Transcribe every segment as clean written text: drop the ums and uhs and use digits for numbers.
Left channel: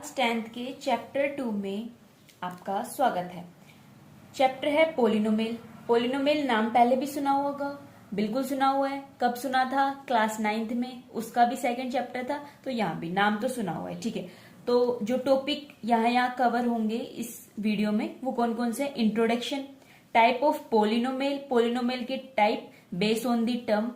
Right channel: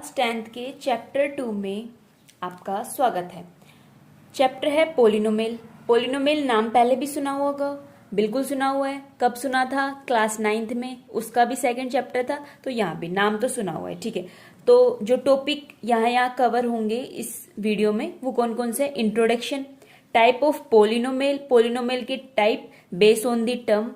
10th के chapter 2 में आपका स्वागत है। चैप्टर है पोलिनोमियल। पोलिनोमियल नाम पहले भी सुना होगा, बिल्कुल सुना हुआ है। कब सुना था? क्लास 9th में, उसका भी सेकंड चैप्टर था, तो यहाँ भी नाम तो सुना हुआ है। ठीक है, तो जो टॉपिक यहाँ कवर होंगे इस वीडियो में वो कौन कौन से? Introduction, type of polynomial, polynomial की type based on the term,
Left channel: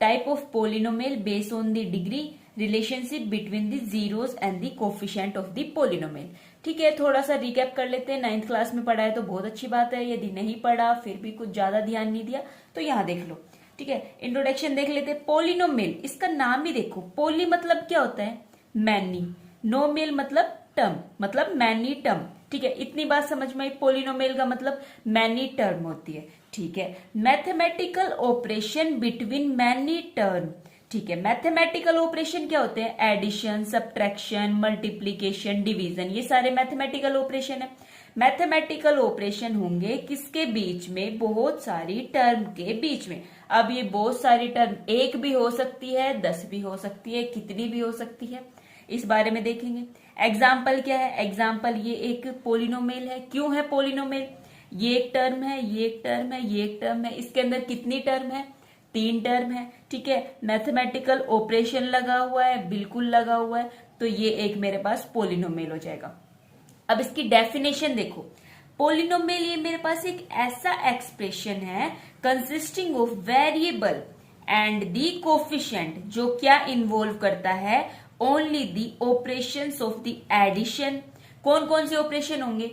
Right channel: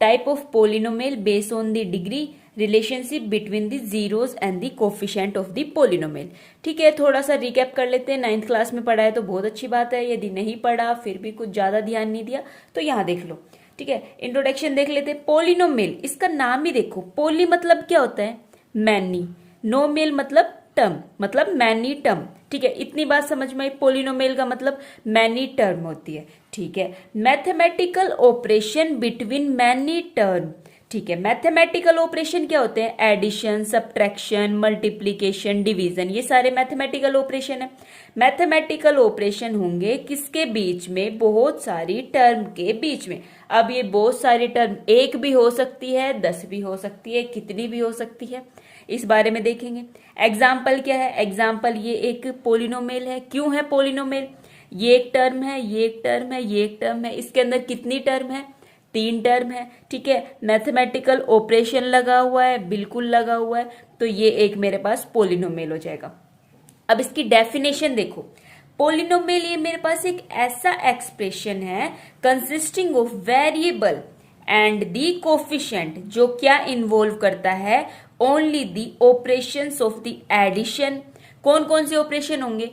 type of polynomial based on the degree, relationship between the zeros and the coefficient of the polynomial. ठीक है, थोड़ा सा रिकैप कर लेते हैं। 9th क्लास में पढ़ा है तो बहुत अच्छी बात है, यदि नहीं पढ़ा फिर भी कुछ ज्यादा ध्यान नहीं दिया तो यहाँ देख लो। ठीक है, इंट्रोडक्शन देख लेते हैं। पोलिनोमियल, इसका नाम ही देखो, पोली मतलब क्या होता है? मैनी, नोमियल मतलब टर्म, मतलब मैनी टर्म। ठीक है, इतनी बात समझ में आई। पोलिनोमियल का मतलब मैनी टर्म होती है। ठीक है, mathematical operation between many term. ठीक है, मैथमेटिकल ऑपरेशन क्या होते हैं? एडिशन, सब्ट्रैक्शन, मल्टीप्लीकेशन, डिवीजन, ये सारे मैथमेटिकल ऑपरेशन है। मैथमेटिकल ऑपरेशन होंगे किसके बीच में? बहुत सारी टर्म के बीच में। अब ये बहुत सारी टर्म एक भी हो सकती है, 10 भी हो सकती है, कितनी भी हो सकती है, इस बारे में देखेंगे। एग्जाम्पल क्या है? एग्जाम्पल, ये एक पोलिनोमियल है। क्यों है पोलिनोमियल? ये एक टर्म है, ये एक टर्म है, ये एक टर्म है। इसके अंदर कितनी टर्म है? 3 टर्म है। ठीक है, मैथमेटिकल ऑपरेशन लगा हुआ है, बिल्कुल लगा हुआ है, तो ये एक मेरे पास पोलिनोमियल हो जाएगा। अब इसकी डेफिनेशन देखो। पोलिनोमियल ये मेरे पास एक ऐसा एक्सप्रेशन है consisting of variable and the coefficient, जो क्या इन्वॉल्व करता है? Only the operations of the addition. कौन कौन से ऑपरेशन होंगे?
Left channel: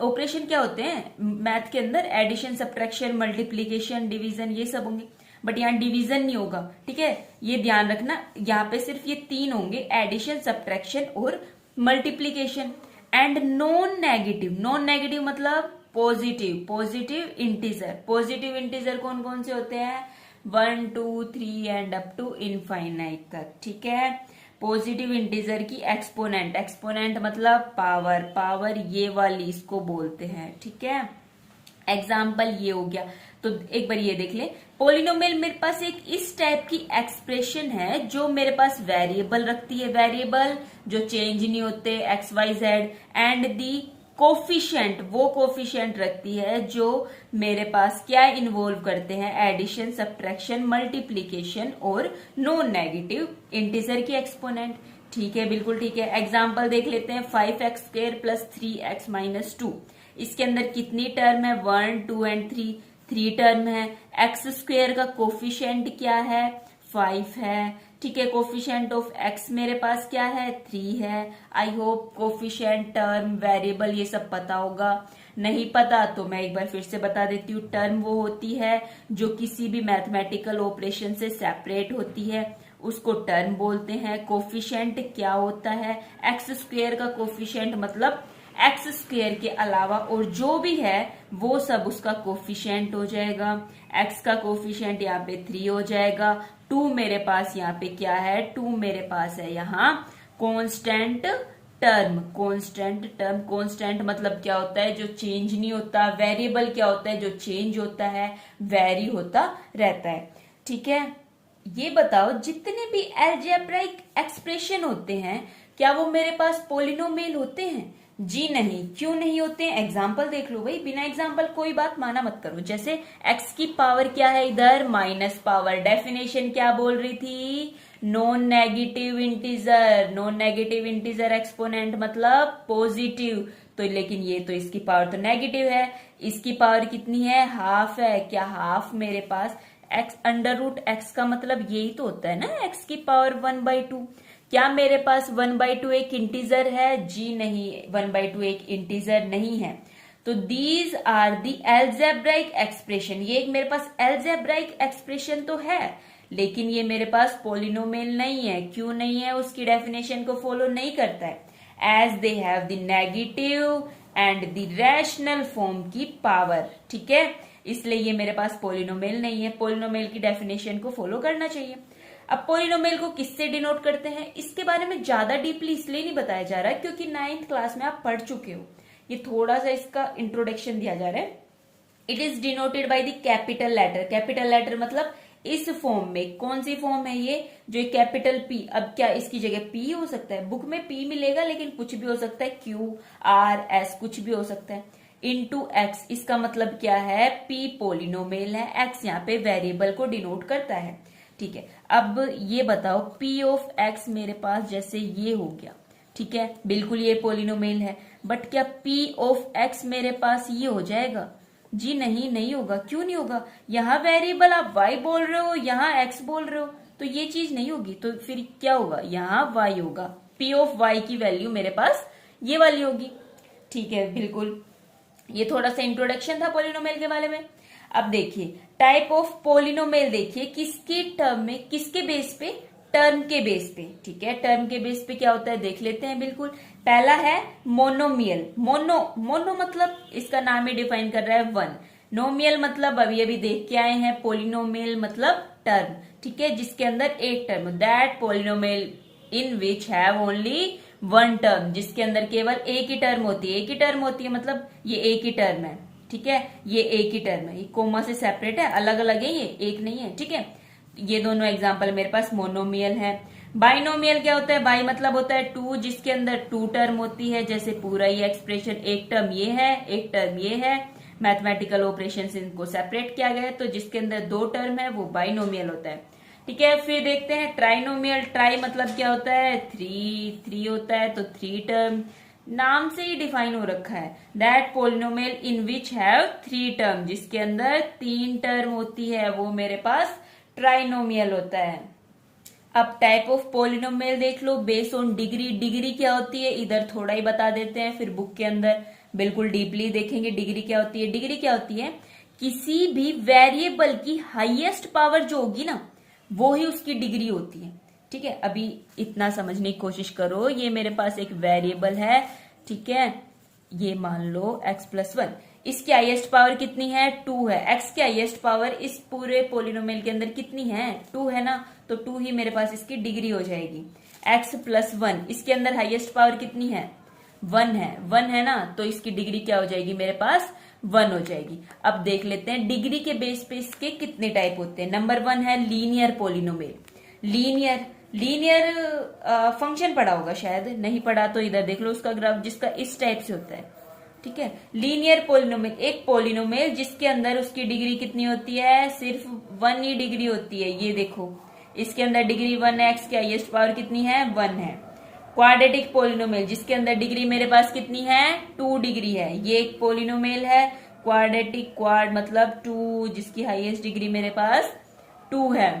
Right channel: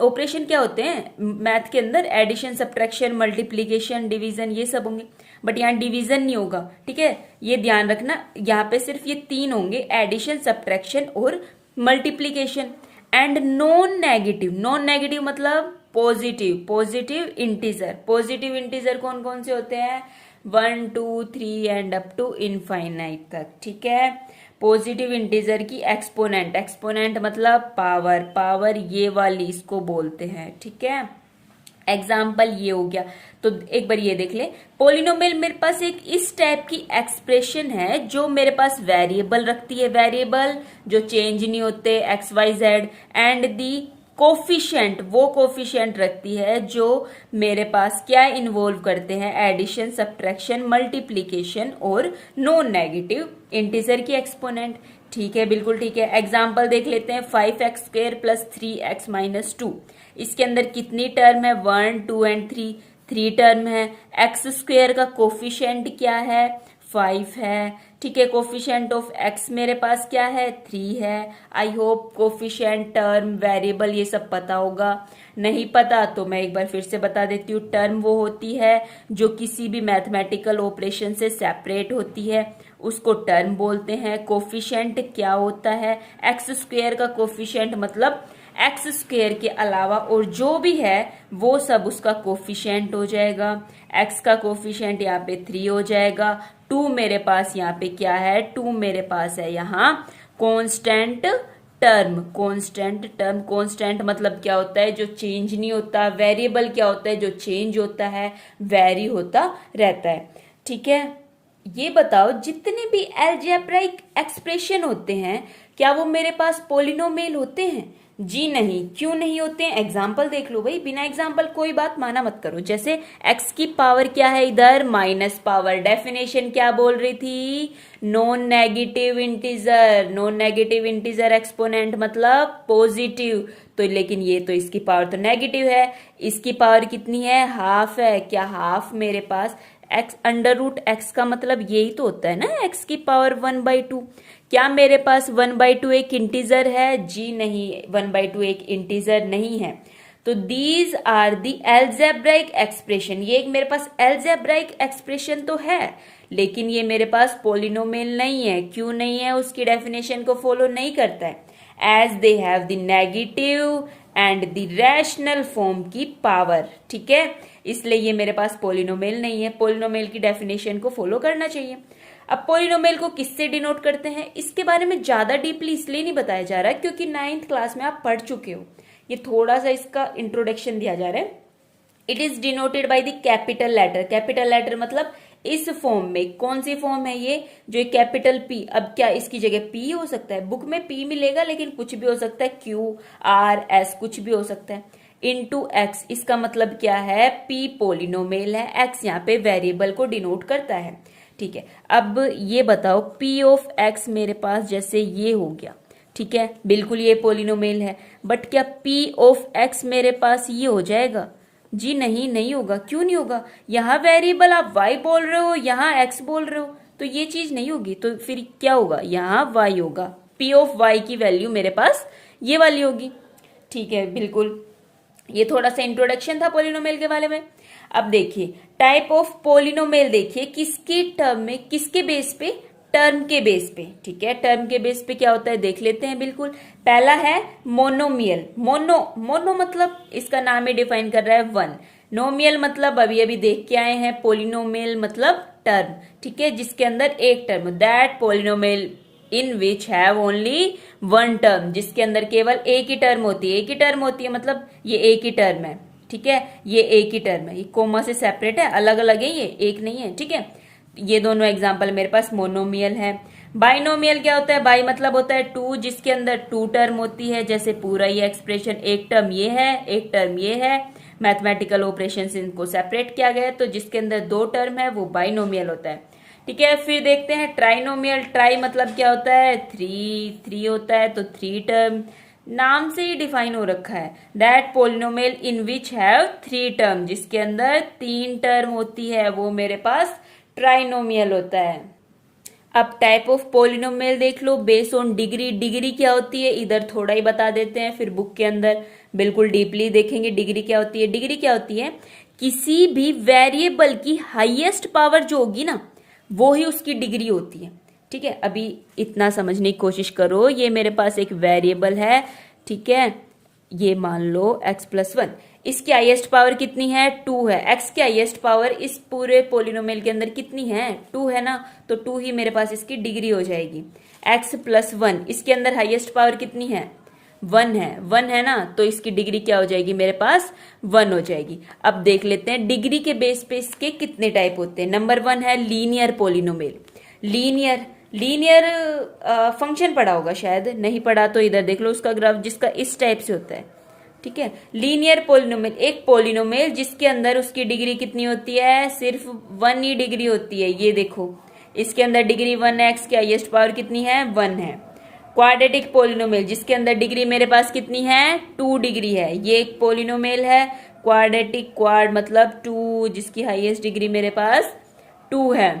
ऑपरेशन क्या होते हैं मैथ के अंदर? एडिशन, सब्ट्रैक्शन, मल्टीप्लीकेशन, डिवीजन, ये सब होंगे। बट यहाँ डिवीजन नहीं होगा। ठीक है, ये ध्यान रखना, यहाँ पे सिर्फ ये 3 होंगे, एडिशन, सब्ट्रैक्शन और multiplication. And non negative, non negative मतलब positive, positive integer. Positive integer कौन कौन से होते हैं? 1, 2, 3 एंड अप टू इनफाइनाइट तक। ठीक है, पॉजिटिव इंटीजर की एक्सपोनेंट, एक्सपोनेंट मतलब पावर, पावर ये वाली इसको बोलते हैं। ठीक है, एग्जाम्पल ये हो गया। तो एक बार ये देख ले, पोलिनोमियल मेरे पास एक इस टाइप की एक्सप्रेशन है जो मेरे पास वेरिएबल रखती है, वेरिएबल जो चेंज नहीं होते, X Y Z, and the coefficient, वो कोफिशिएंट रखती है जो मेरे पास क्या इन्वॉल्व करते हैं? एडिशन, सब्ट्रैक्शन, मल्टीप्लीकेशन और नॉन नेगेटिव इंटीजर की एक्सपोनेंट। ठीक है, बिल्कुल ठीक है। एग्जाम्पल देख लेते हैं। 5x² प्लस 3x माइनस 2, इसके अंदर कितनी टर्म है? 1, 2 एंड 3 टर्म है। x² का कोफिशिएंट क्या है? 5 है। ठीक है, कोफिशिएंट ऑफ x मेरे पास क्या है? 3 है। I hope coefficient, term, variable ये सब पता होगा। नहीं पता तो मैं एक बार फिर से बता देती हूँ। टर्म वो होती है जो किसी भी मैथमेटिकल ऑपरेशन से सेपरेट होती है, उसको टर्म बोलते हैं। कोफिशिएंट क्या होता है? x² का कोफिशिएंट मतलब x² के अलावा और जो भी है वो सब उसका कोफिशिएंट हो जाएगा। x का कोफिशिएंट यहाँ पे 3 हो जाएगा। 2 मेरे पास यहाँ पे क्या है? 2 मेरे पास है यहाँ constant term, constant term. Constant मतलब क्या होता है? जो चेंज नहीं होता। वेरिएबल क्या होता है? जो चेंज होता है, वेरी होता रहता है। ठीक है, ये बताओ जितने भी अलजेब्राइक एक्सप्रेशन होते हैं क्या वो मेरे पास पोलिनोमियल होते हैं? जी नहीं। क्यों नहीं होते हैं? एग्जाम्पल देख लो भाई, बिना एग्जाम्पल कोई बात माना मत करो। जैसे x की पावर क्या है इधर? Minus power. डेफिनेशन क्या बोल रही थी? Non negative integer, non negative integer exponent मतलब पॉजिटिव। तो लेकिन ये तो इसकी पावर तो नेगेटिव है, इसकी पावर कितनी है? हाफ है। क्या हाफ मेरे पास x √x का मतलब यही तो होता है ना, x की पावर 1/2। क्या मेरे पास 1/2 एक इंटीजर है? जी नहीं, 1/2 एक इंटीजर नहीं है। तो these are the algebraic expression. ये एक मेरे पास एल्जेब्राइक एक्सप्रेशन तो है, लेकिन ये मेरे पास पोलिनोमियल नहीं है। क्यों नहीं है? उसकी डेफिनेशन को फॉलो नहीं करता है। As they have the negative and the rational form की पावर। ठीक है, इसलिए ये मेरे पास पोलिनोमियल नहीं है। पोलिनोमियल की डेफिनेशन को फॉलो करना चाहिए। अब पोलिनोमियल को किससे डिनोट करते हैं इसके बारे में ज्यादा डीपली इसलिए नहीं बताया जा रहा है क्योंकि 9th क्लास में आप पढ़ चुके हो। ये थोड़ा सा इसका इंट्रोडक्शन दिया जा रहा है। It is denoted by the capital letter. Capital letter मतलब इस फॉर्म में, कौन सी फॉर्म है ये, जो कैपिटल पी, अब क्या इसकी जगह पी हो सकता है, बुक में पी मिलेगा लेकिन कुछ भी हो सकता है, क्यू आर एस कुछ भी हो सकता है, इनटू एक्स, इसका मतलब क्या है, पी पोलिनोमियल है, एक्स यहाँ पे वेरिएबल को डिनोट करता है। ठीक है, अब ये बताओ पी ऑफ एक्स मेरे पास जैसे ये हो गया, ठीक है, बिल्कुल ये पोलिनोमियल है, बट क्या पी ऑफ एक्स मेरे पास ये हो जाएगा, जी नहीं, नहीं होगा। क्यों नहीं होगा, यहाँ वेरिएबल आप y बोल रहे हो, यहाँ x बोल रहे हो, तो ये चीज नहीं होगी, तो फिर क्या होगा, यहाँ y होगा, p ऑफ y की वैल्यू मेरे पास ये वाली होगी। ठीक है, बिल्कुल, ये थोड़ा सा इंट्रोडक्शन था पोलिनोमियल के बारे में। अब देखिए टाइप ऑफ पोलिनोमियल, देखिए किसके टर्म में, किसके बेस पे, टर्म के बेस पे। ठीक है, टर्म के बेस पे क्या होता है देख लेते हैं। बिल्कुल, पहला है मोनोमियल, मोनो मतलब इसका नाम ही डिफाइन कर रहा है वन, नोमियल मतलब अभी अभी देख के आए हैं, पोलिनोमियल मतलब टर्म। ठीक है, जिसके अंदर एक term, that polynomial in which have only one term, जिसके अंदर केवल एक ही टर्म होती है, एक ही टर्म होती है मतलब ये एक ही टर्म है। ठीक है, ये एक ही टर्म है, ये कोमा से सेपरेट है, अलग अलग है, ये एक नहीं है। ठीक है, ये दोनों एग्जाम्पल मेरे पास मोनोमियल है। बाइनोमियल क्या होता है, बाई मतलब होता है टू, जिसके अंदर टू टर्म होती है, जैसे पूरा ये एक्सप्रेशन, एक टर्म ये है, एक टर्म ये है, मैथमेटिकल ऑपरेशन से इनको सेपरेट किया गया है, तो जिसके अंदर दो टर्म है वो बाइनोमियल होता है। ठीक है, फिर देखते हैं ट्राइनोमियल, ट्राई मतलब क्या होता है, थ्री, थ्री होता है, तो थ्री टर्म, नाम से ही डिफाइन हो रखा है, that polynomial in which have three term, जिसके अंदर तीन टर्म होती है, वो मेरे पास ट्राइनोमियल होता है। अब टाइप ऑफ पोलिनोमियल देख लो, बेस ऑन डिग्री, डिग्री क्या होती है इधर थोड़ा ही बता देते हैं, फिर बुक के अंदर बिल्कुल डीपली देखेंगे डिग्री क्या होती है। डिग्री क्या होती है, किसी भी वेरिएबल की हाईएस्ट पावर जो होगी ना, वो ही उसकी डिग्री होती है। ठीक है, अभी इतना समझने की कोशिश करो, ये मेरे पास एक वेरिएबल है, ठीक है, ये मान लो x प्लस वन, इसकी हाईएस्ट पावर कितनी है, टू है, x की हाईएस्ट पावर इस पूरे पोलिनोमियल के अंदर कितनी है, टू है ना, तो टू ही मेरे पास इसकी डिग्री हो जाएगी। x प्लस वन, इसके अंदर हाईएस्ट पावर कितनी है, वन है, वन है ना, तो इसकी डिग्री क्या हो जाएगी मेरे पास, वन हो जाएगी। अब देख लेते हैं डिग्री के बेस पे इसके कितने टाइप होते हैं। नंबर वन है linear polynomial, linear, linear function पढ़ा होगा शायद, नहीं पढ़ा तो इधर देख लो उसका ग्राफ, जिसका इस टाइप से होता है। ठीक है, लीनियर पोलिनोमियल, एक पोलिनोमियल जिसके अंदर उसकी डिग्री कितनी होती है, सिर्फ वन ही डिग्री होती है, ये देखो इसके अंदर डिग्री वन है, एक्स की हाईएस्ट पावर कितनी है, वन है। क्वाड्रेटिक पोलिनोमियल, जिसके अंदर डिग्री मेरे पास कितनी है, टू डिग्री है, ये एक पोलिनोमियल है क्वाड्रेटिक, क्वाड मतलब टू, जिसकी हाईएस्ट डिग्री मेरे पास टू है।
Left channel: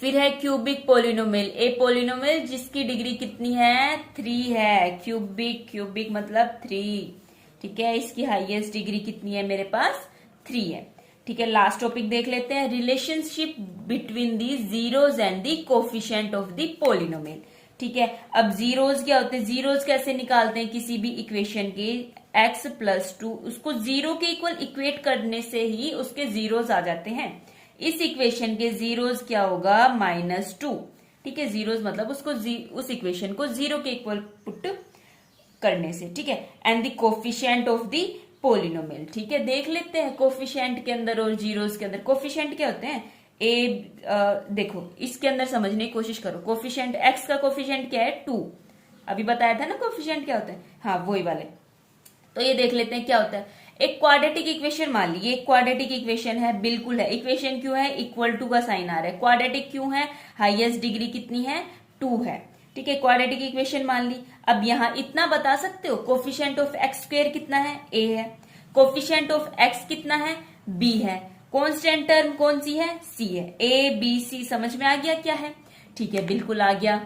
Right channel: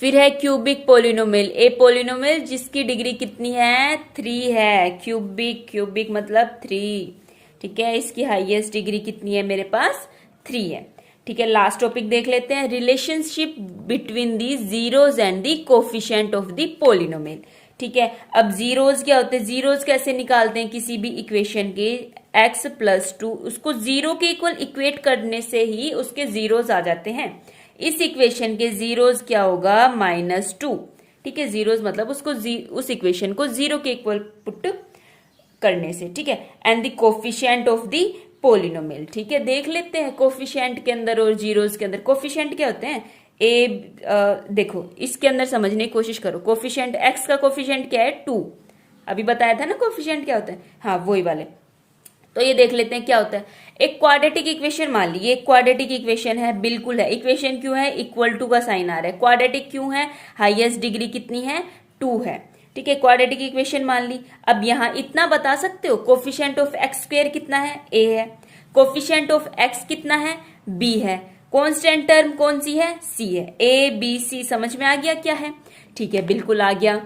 फिर है क्यूबिक पोलिनोमियल, ए पोलिनोमियल जिसकी डिग्री कितनी है, थ्री है, क्यूबिक, क्यूबिक मतलब थ्री। ठीक है, इसकी हाईएस्ट डिग्री कितनी है मेरे पास, थ्री है। ठीक है, लास्ट टॉपिक देख लेते हैं, relationship between the zeros and the coefficient of the polynomial. ठीक है, अब जीरोज क्या होते हैं, जीरोज कैसे निकालते हैं किसी भी इक्वेशन के, x प्लस टू, उसको जीरो के इक्वल इक्वेट करने से ही उसके जीरोज आ जाते हैं। इस इक्वेशन के जीरोज क्या होगा, माइनस टू। ठीक है, जीरोज मतलब उसको उस इक्वेशन को जीरो के इक्वल पुट करने से। ठीक है, and the coefficient of the polynomial. ठीक है, देख लेते हैं कोफिशिएंट के अंदर और जीरोज के अंदर कोफिशिएंट क्या होते हैं, देखो इसके अंदर समझने की कोशिश करो, कोफिशिएंट x का कोफिशिएंट क्या है, टू, अभी बताया था ना कोफिशिएंट क्या होता है, हाँ वही वाले। तो ये देख लेते हैं क्या होता है, एक क्वाड्रेटिक इक्वेशन मान ली, ये क्वाड्रेटिक इक्वेशन है, बिल्कुल है, इक्वेशन क्यों है, इक्वल टू का साइन आ रहा है, क्वाड्रेटिक क्यों है, हाईएस्ट डिग्री कितनी है, टू है। ठीक है, क्वाड्रेटिक इक्वेशन मान ली। अब यहाँ इतना बता सकते हो, कोफिशिएंट ऑफ एक्स स्क्वायर कितना है, a है, कोफिशिएंट ऑफ x कितना है, b है, कांस्टेंट टर्म कौन सी है, c है, a b c, समझ में आ गया क्या है। ठीक है, बिल्कुल आ गया।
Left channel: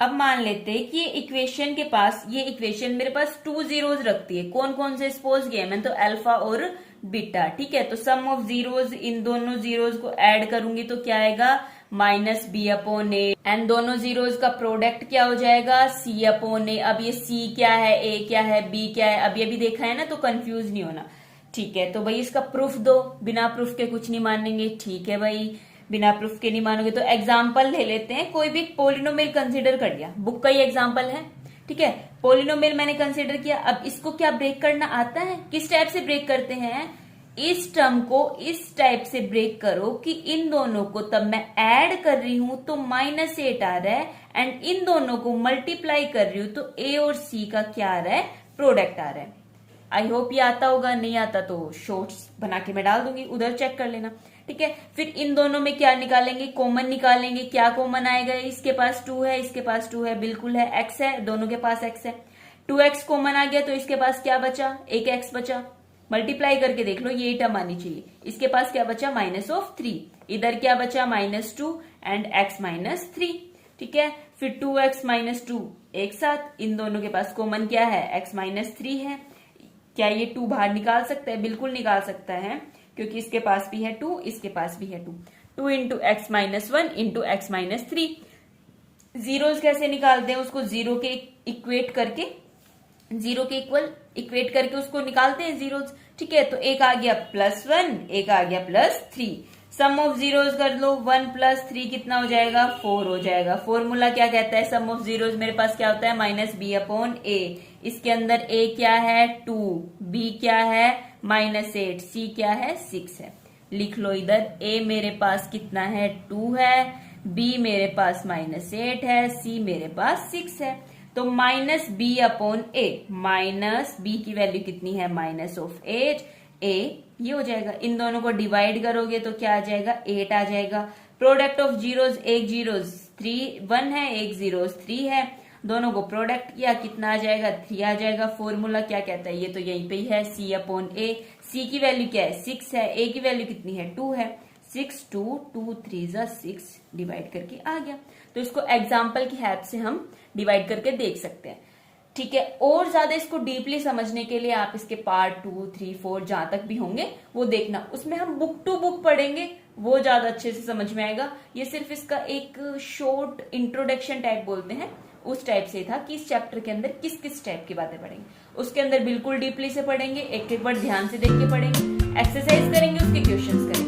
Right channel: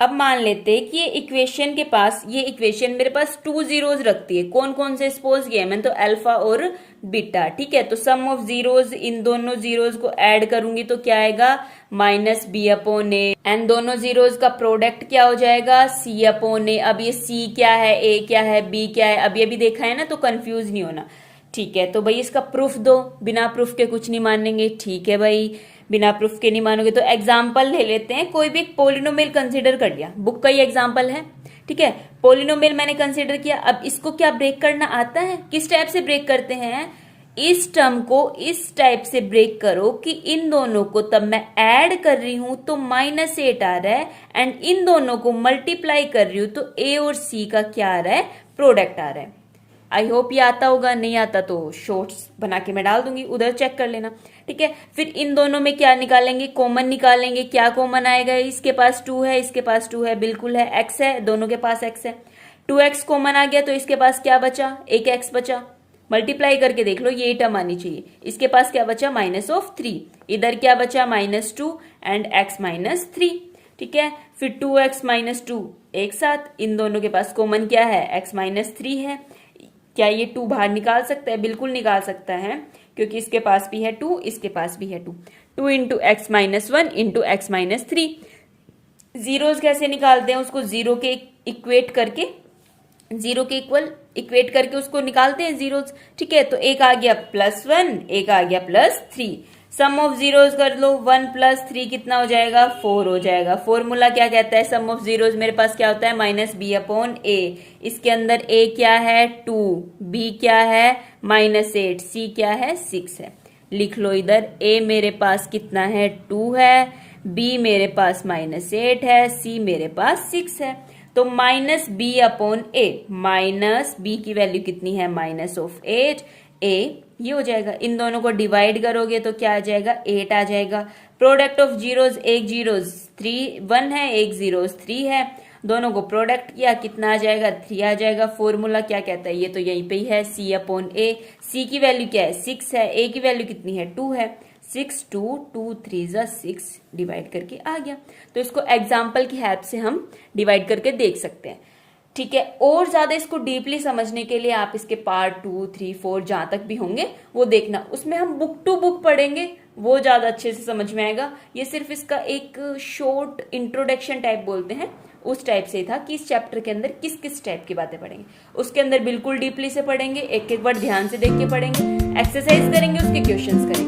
अब मान लेते हैं कि ये इक्वेशन के पास, ये इक्वेशन मेरे पास टू जीरोज रखती है, कौन कौन से सपोज किया मैंने, तो अल्फा और बीटा। ठीक है, तो सम ऑफ जीरोज, इन दोनों जीरोज को ऐड करूंगी तो क्या आएगा, minus B upon A, and दोनों जीरोज का प्रोडक्ट क्या हो जाएगा, सी अपॉन ए। अब ये सी क्या है, ए क्या है, बी क्या है, अभी अभी देखा है ना, तो कंफ्यूज नहीं होना। ठीक है, तो भाई इसका प्रूफ दो, बिना प्रूफ के कुछ नहीं मानेंगे। ठीक है भाई, बिना प्रूफ के नहीं मानोगे तो एग्जाम्पल ले लेते हैं, कोई भी पोलिनोमियल कंसीडर कर लिया, बुक का ही एग्जाम्पल है। ठीक है, पोलिनोमियल मैंने कंसीडर किया, अब इसको क्या ब्रेक करना आता है, किस टाइप से ब्रेक करते हैं, इस टर्म को इस टाइप से ब्रेक करो कि इन दोनों को तब मैं ऐड कर रही हूं तो -8 आ रहा है, एंड इन दोनों को मल्टीप्लाई कर रही हूं तो a और c का क्या आ रहा है, प्रोडक्ट आ रहा है। आई होप ये आता होगा, नहीं आता तो शॉर्ट्स बना के मैं डाल दूंगी, उधर चेक कर लेना। ठीक है, फिर इन दोनों में क्या निकालेंगे, कॉमन निकालेंगे। क्या कॉमन आएगा, इसके पास 2 है, इसके पास 2 है, बिल्कुल है, x है, दोनों के पास x है, 2x कॉमन आ गया तो इसके पास क्या बचा, एक x बचा। मल्टीप्लाई करके देख लो, ये टर्म आनी चाहिए। इसके पास क्या बचा, -3, इधर क्या बचा, -2 एंड x -3। ठीक है, फिर 2x -2 एक साथ, इन दोनों के पास कॉमन क्या है, x -3 है। क्या ये 2 बाहर निकाल सकता है, बिल्कुल निकाल सकता है, क्योंकि इसके पास भी है 2, इसके पास भी है 2। 2 into x -1 into x -3। Zeros कैसे निकालते हैं, उसको जीरो के इक्वेट करके, जीरो के इक्वल इक्वेट करके उसको निकालते हैं जीरोस। ठीक है, तो एक आ गया +1, एक आ गया +3। सम ऑफ जीरोस कर लो, 1 + 3 कितना हो जाएगा, 4 हो जाएगा। फॉर्मूला क्या कहता है, सम ऑफ जीरोस मेरे पास क्या होता है, -b/a। इसके अंदर a क्या है, 2, b क्या है, -8, c क्या है, 6 है। लिख लो इधर, a मेरे पास कितना है, 2 है, b मेरे पास -8 है, c मेरे पास 6 है। तो -b/a, माइनस b की वैल्यू कितनी है, -8, a ये हो जाएगा। इन दोनों को डिवाइड करोगे तो क्या आ जाएगा, 8 आ जाएगा। प्रोडक्ट ऑफ जीरोस, एक जीरोस 1 है, एक जीरोस 3 है, दोनों को प्रोडक्ट किया, कितना आ जाएगा, 3 आ जाएगा। फॉर्मूला क्या कहता है, ये तो यहीं पे ही है, c/a। c की वैल्यू क्या है, 6 है, a की वैल्यू कितनी है, 2 है। 6 2 2 3 6 डिवाइड करके आ गया। तो इसको एग्जाम्पल की हेल्प से हम डिवाइड करके देख सकते हैं। ठीक है, और ज्यादा इसको डीपली समझने के लिए आप इसके पार्ट 2 3 4 जहां तक भी होंगे वो देखना, उसमें हम बुक टू बुक पढ़ेंगे, वो ज्यादा अच्छे से समझ में आएगा। ये सिर्फ इसका एक शॉर्ट इंट्रोडक्शन टाइप बोलते हैं, उस टाइप से था कि इस चैप्टर के अंदर किस किस टाइप की बातें पढ़ेंगे। उसके अंदर बिल्कुल डीपली से पढ़ेंगे, एक एक बार ध्यान से देख के पढ़ेंगे, एक्सरसाइज करेंगे, उसके क्वेश्चंस करेंगे।